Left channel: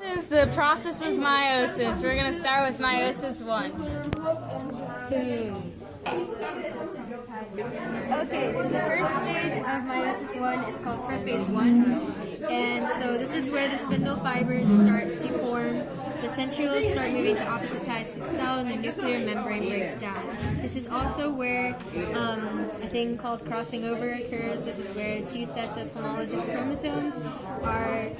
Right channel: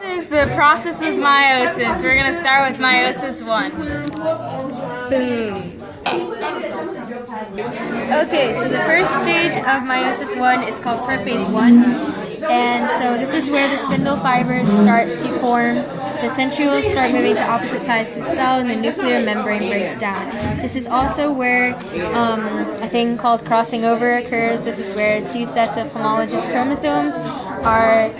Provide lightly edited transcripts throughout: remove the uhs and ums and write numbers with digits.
This is the process of meiosis. We're going to start with meiosis 1. Boom. Okay, so the first stage of meiosis 1 is called prophase 1. And so this is where the spindle fibers start to form, the centrioles start moving to opposite sides of the cell, and the nuclear membrane breaks down. This is also where a thing called crossing over occurs. This is where two sets of homologous chromosomes are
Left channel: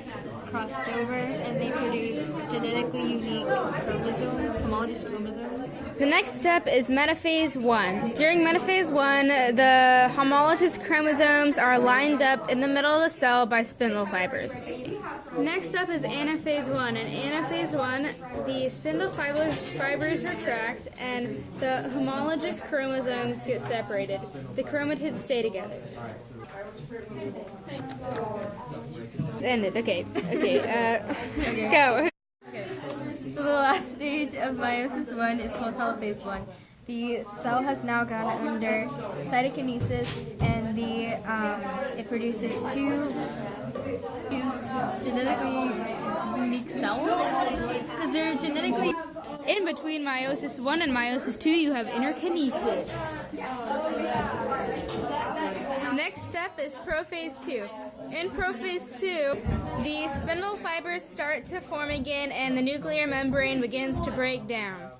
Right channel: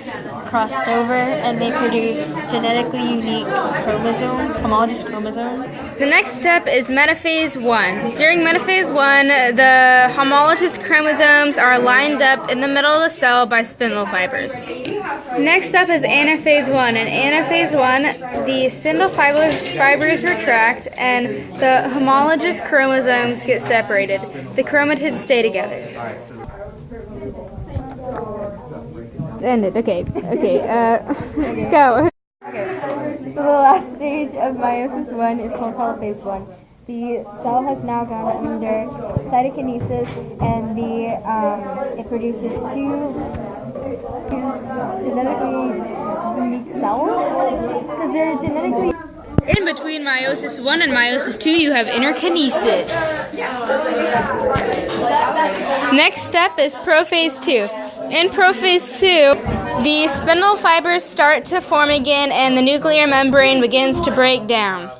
crossed over and they produce genetically unique chromosomes, homologous chromosomes. The next step is metaphase 1. During metaphase 1, the homologous chromosomes are lined up in the middle of the cell by spindle fibers. Next up is anaphase 1. In anaphase 1, the spindle fibers retract and the homologous chromosomes get separated. The chromatids stay together. It's ended. Okay. Go. Okay, so the last stage of meiosis 1 is called telophase 1. The cell has now gone under cytokinesis, and it produces two genetically unique cells because they're genetically. In between meiosis 1 and meiosis 2, you have interkinesis. Next step is prophase 2. In prophase 2, the spindle fibers start to form again and the nuclear membrane begins to break down.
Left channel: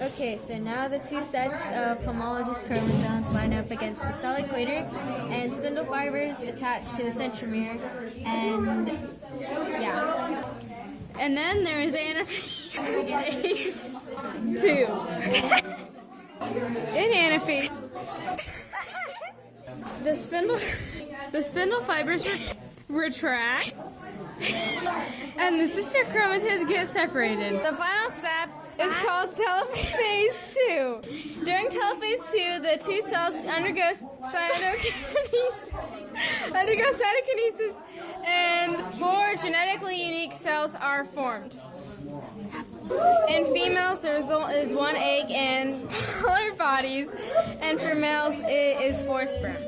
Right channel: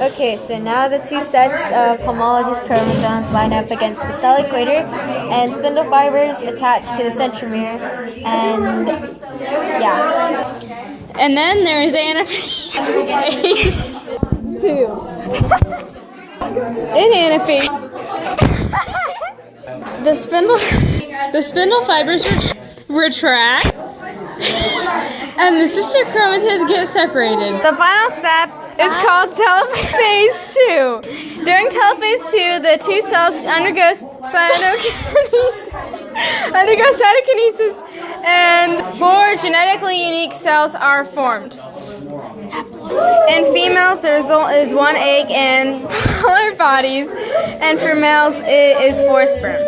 Okay, so now the two sets of homologous chromosomes line up against the cell equator, and spindle fibers attach to the centromere, and yeah. And then there is anaphase 2. In anaphase, the spindle fibers retract, and the sister chromatids get separated. The final step is called telophase 2. During telophase 2, the two cells undergo cytokinesis, and 4 genetically unique cells are formed. In females, the result is 1 egg and polar bodies, and for males, it is 4 sperm.